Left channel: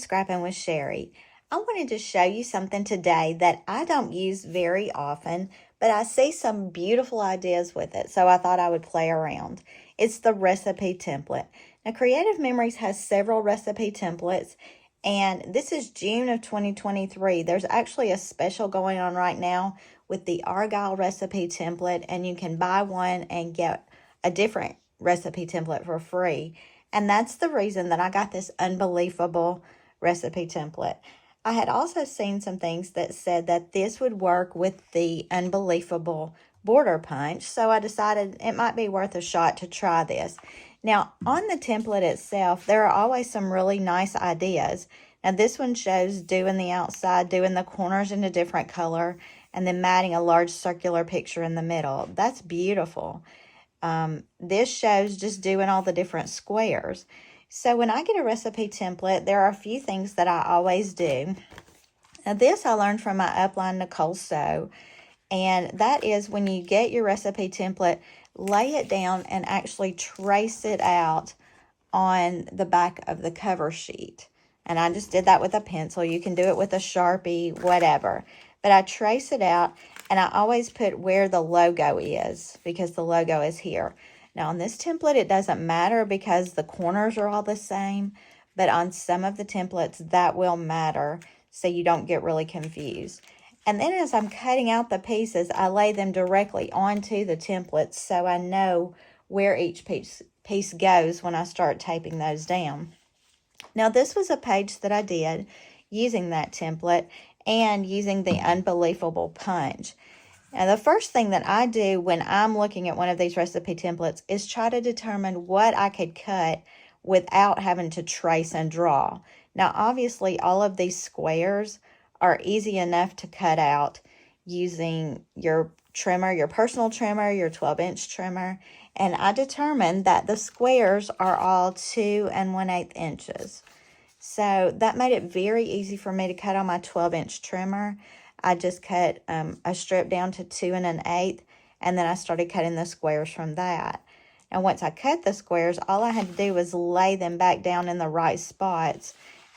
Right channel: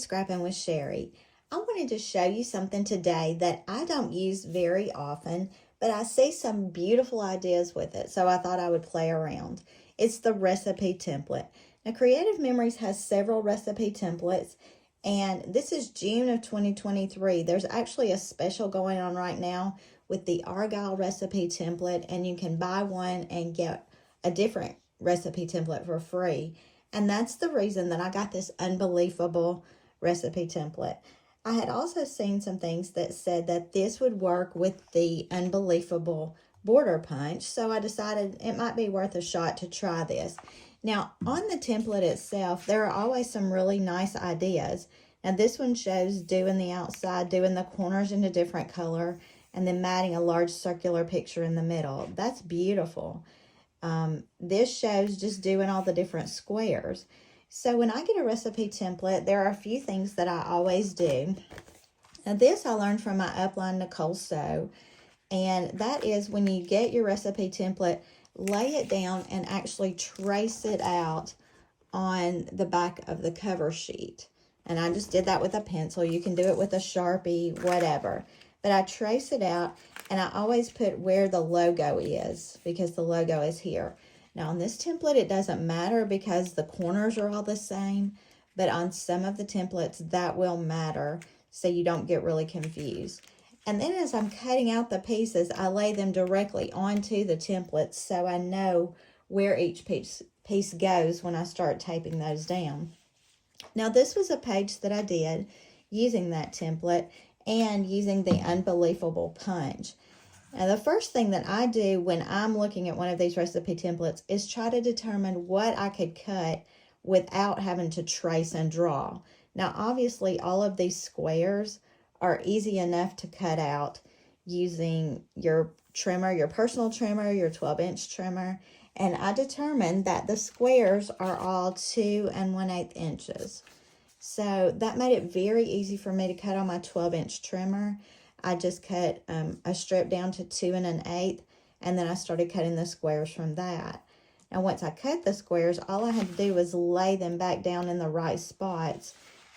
Scrappin with Sheri. I wanted to show you something today that I don't use very often, but I see some beautiful ideas with it, so I thought I would play around. It's the recipe template. Now, Creative Memories has several recipe templates, and this is June of 2023. There's actually a special going on right now with the Argyle recipe template, and you can buy one and get a different recipe template for free. And that's the reason that I got this Unbe-LEAF-able recipe template. I had also seen some things that said that this would work with the Unbe-LEAF-able border punch, so I decided it might be worth a shot to try this. Now, on the template itself, there are always some really nice ideas. Now, this one shows doing the outside, doing the corners in a different color, and then matting a large circular picture in the middle. That's beautiful. This shows just doing all the different squares. So when I get a recipe template, there are a few things that I always do. Now, this I learned from my upline, Nicole Sew, and that is when you get your recipe template, lay it down and actually trace it out on the back of the cover sheet. And I just did that with a pencil. You can do it with a Sharpie, whatever. But I trace it out, and I always put where the logo is because the logo is here. Now, on this template, it doesn't matter because the corners are all the same. But on some of the templates, that will matter so you don't get really confused. And then as I'm cutting out the pieces, I lay them directly onto the templates so I know where each piece goes when I start taping those down. Now, this was a page that I did using that template and using the Unbe-LEAF-able punch. Now, the first thing that I do when I'm looking at one of these recipe templates is try to determine what I could cut without having to trace and draw. Now, obviously, all of these squares are easy enough to cut out using your trimmer, your personal trimmer, your 12-inch trimmer. And I determined that the squares are all 2 1/8 inches. So that made it very easy for me to cut on my 12-inch trimmer. I just cut a strip down to 2 1/8, and then I started cutting the squares from that. And once I cut the squares, all I had to do was lay them back down in the right spots,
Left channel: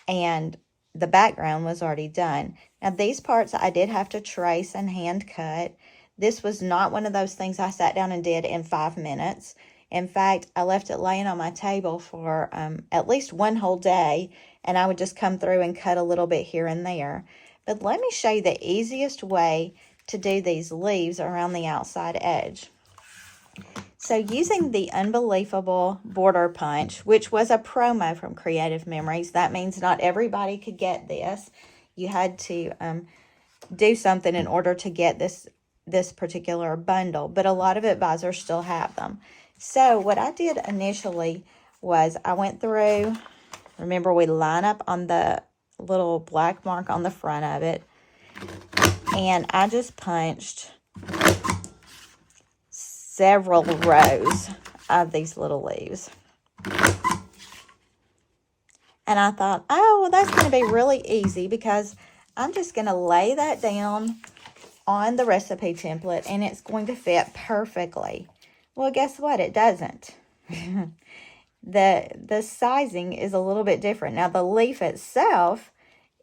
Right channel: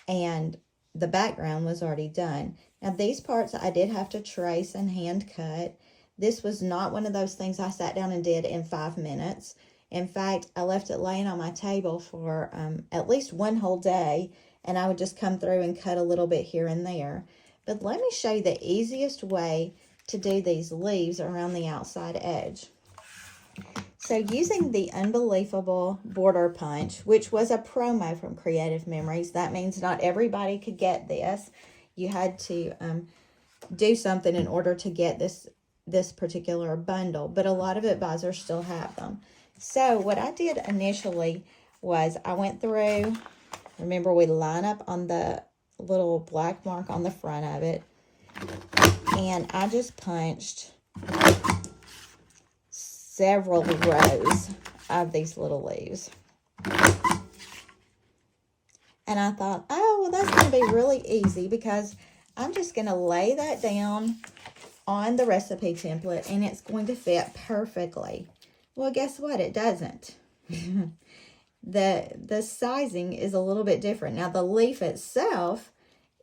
and the background was already done. Now, these parts I did have to trace and hand cut. This was not one of those things I sat down and did in 5 minutes. In fact, I left it laying on my table for at least one whole day, and I would just come through and cut a little bit here and there. But let me show you the easiest way to do these leaves around the outside edge. So using the Unbe-LEAF-able border punch, which was a promo from Creative Memories, that means not everybody could get this. You had to do something in order to get this particular bundle, but a lot of advisors still have them. So what I did initially was I went through, remember we line up on the little black mark on the front of it, and I just punched several rows of these little leaves. And I thought, oh, well, that's going to be really easy because I'm just going to lay that down on the recipe template and it's going to fit perfectly. Well, guess what? It doesn't. The sizing is a little bit different. Now, the leaf itself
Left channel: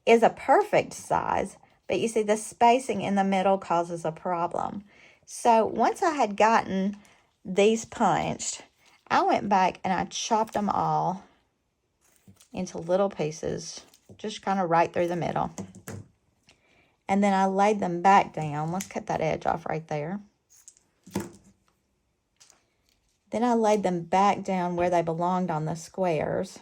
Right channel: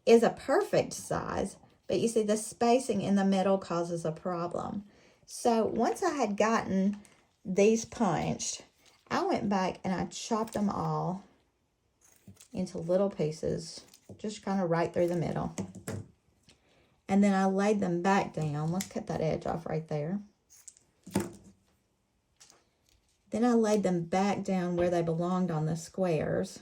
is a perfect size, but you see the spacing in the middle causes a problem. So once I had gotten these punched, I went back and I chopped them all into little pieces, just kind of right through the middle. And then I laid them back down. Let's cut that edge off right there. Then I laid them back down where they belonged on the squares.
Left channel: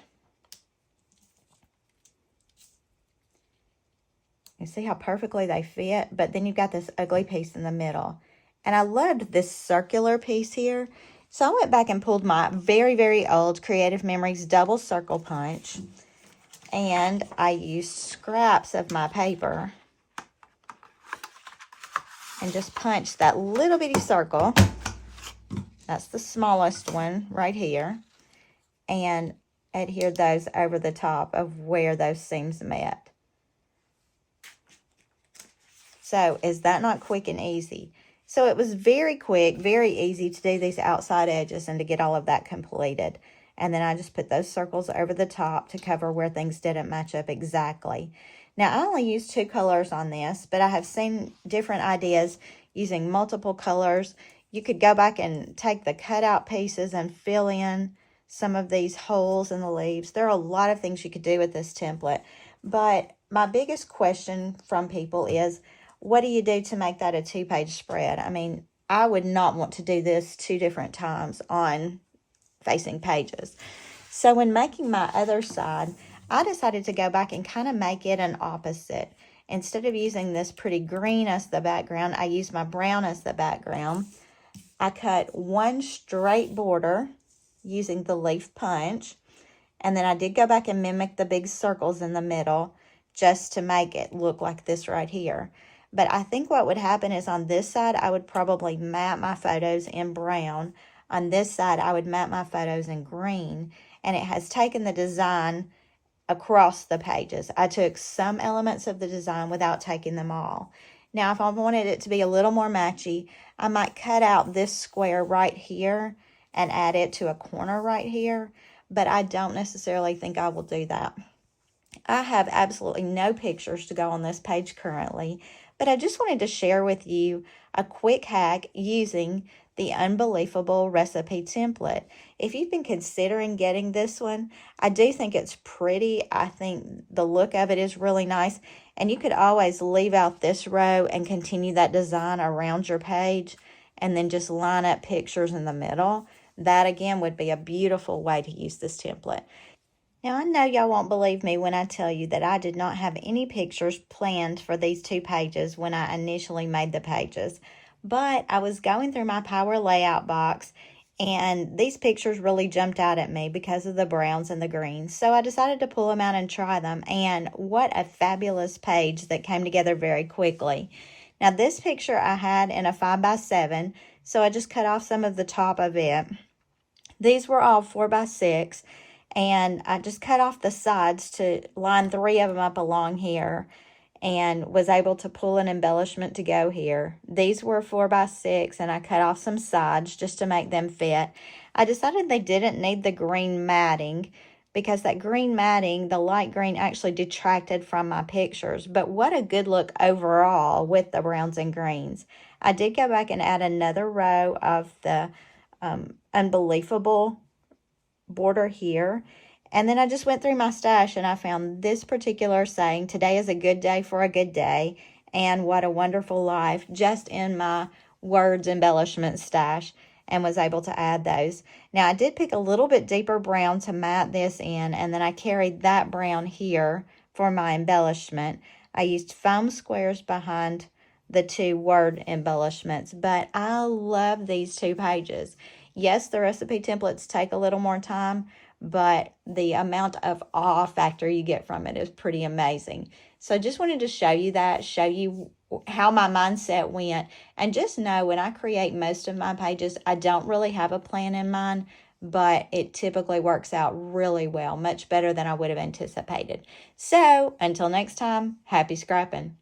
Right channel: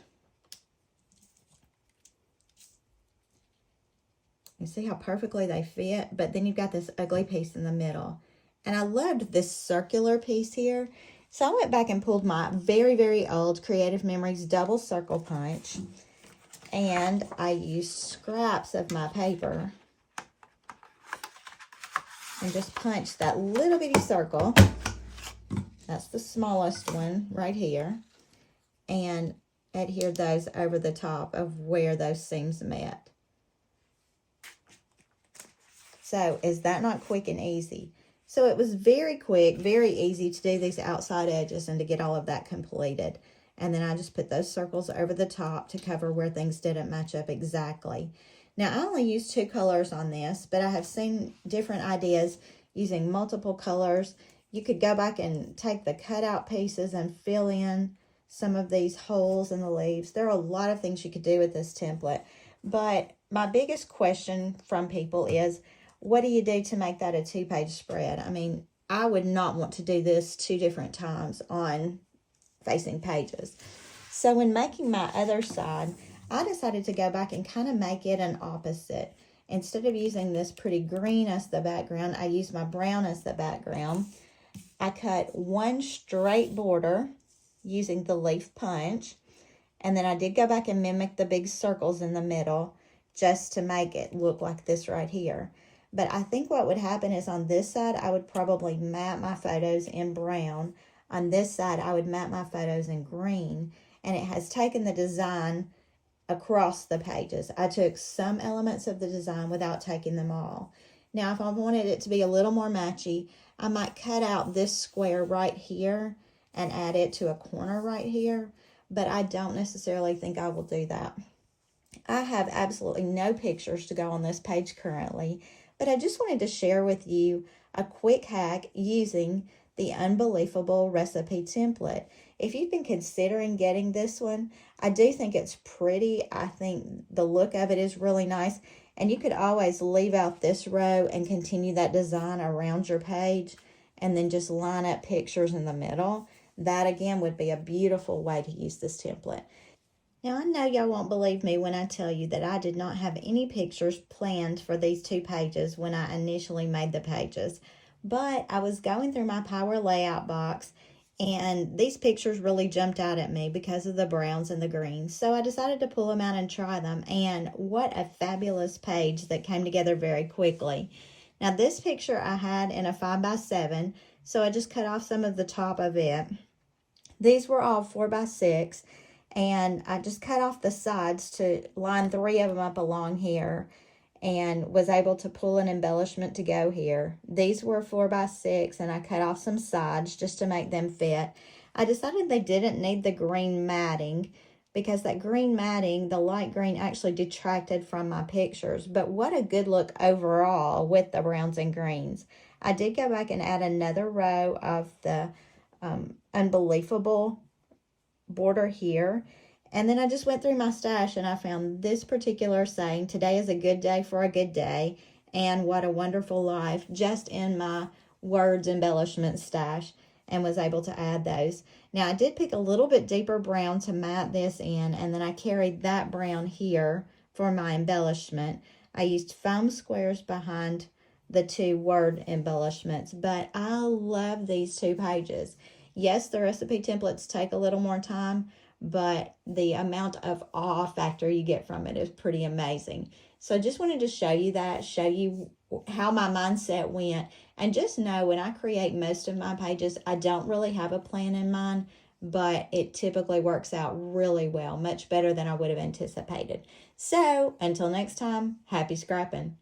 You see how perfectly they fit? But then you've got this ugly piece in the middle. And I loved this circular piece here. So I went back and pulled my very, very old Creative Memories double circle punch. And I used scraps of my paper. And just punched that little bitty circle. That's the smallest one right here. And adhered those over the top of where those seams met. So is that not quick and easy? So it was very quick, very easy to do these outside edges and to get all of that completed. And then I just put those circles over the top to cover where things didn't match up exactly. Now, I only used 2 colors on this, but I have seen different ideas using multiple colors. You could go back and take the cutout pieces and fill in some of these holes in the leaves. There are a lot of things you could do with this template, but my biggest question from people is, what do you do to make that a 2-page spread? I mean, I would not want to do this 2 different times on facing pages. So when making my other side, I decided to go back and kind of make it an opposite. Instead of using this pretty green as the background, I used my brown as the background. I cut 1 straight border using the leaf punch, and then I did go back and mimic the big circles in the middle just to make it look like this right here. But I think what would happen is on this side, I would probably map my photos in brown. On this side, I would map my photos in green, and it has taken the design across the pages. I took some elements of the design without taking them all. Now, if I wanted it to be a little more matchy, I might cut out this square right here and add it to a corner right here, but I don't necessarily think I will do that. I have absolutely no pictures to go on this page currently, but I just wanted to share with you a quick hack using the Unbe-LEAF-able recipe template. If you've been considering getting this one, I do think it's pretty. I think the look of it is really nice. And you could always leave out this row and continue that design around your page and then just line up pictures in the middle. That, again, would be a beautiful way to use this template. Now, I know y'all won't believe me when I tell you that I did not have any pictures planned for these 2 pages when I initially made the pages. But I was going through my Power Layout box, and these pictures really jumped out at me because of the browns and the greens. So I decided to pull them out and try them. And what a fabulous page that came together very quickly. Now, this picture I had in a 5x7, so I just cut off some of the top of it. These were all 4x6. And I just cut off the sides to line 3 of them up along here and was able to pull an embellishment to go here. These were 4x6, and I cut off some sides just to make them fit. I decided they didn't need the green matting because that green matting, the light green, actually detracted from my pictures. But what a good look overall with the browns and greens. I did go back and add another row of the Unbe-LEAF-able border here, and then I just went through my stash and I found this particular saying, "Today is a good day for a good day," and "What a wonderful life," just in my words embellishment stash, and was able to add those. Now, I did pick a little bit deeper brown to mat this in, and then I carried that brown here for my embellishment. I used foam squares behind the 2 word embellishments, but I love these 2 pages. Yes, the recipe templates take a little more time, but the amount of awe factor you get from it is pretty amazing. So I just wanted to show you that, show you how my mindset went. And just know when I create most of my pages, I don't really have a plan in mind, but it typically works out really well, much better than I would have anticipated. So until next time, happy scrapping.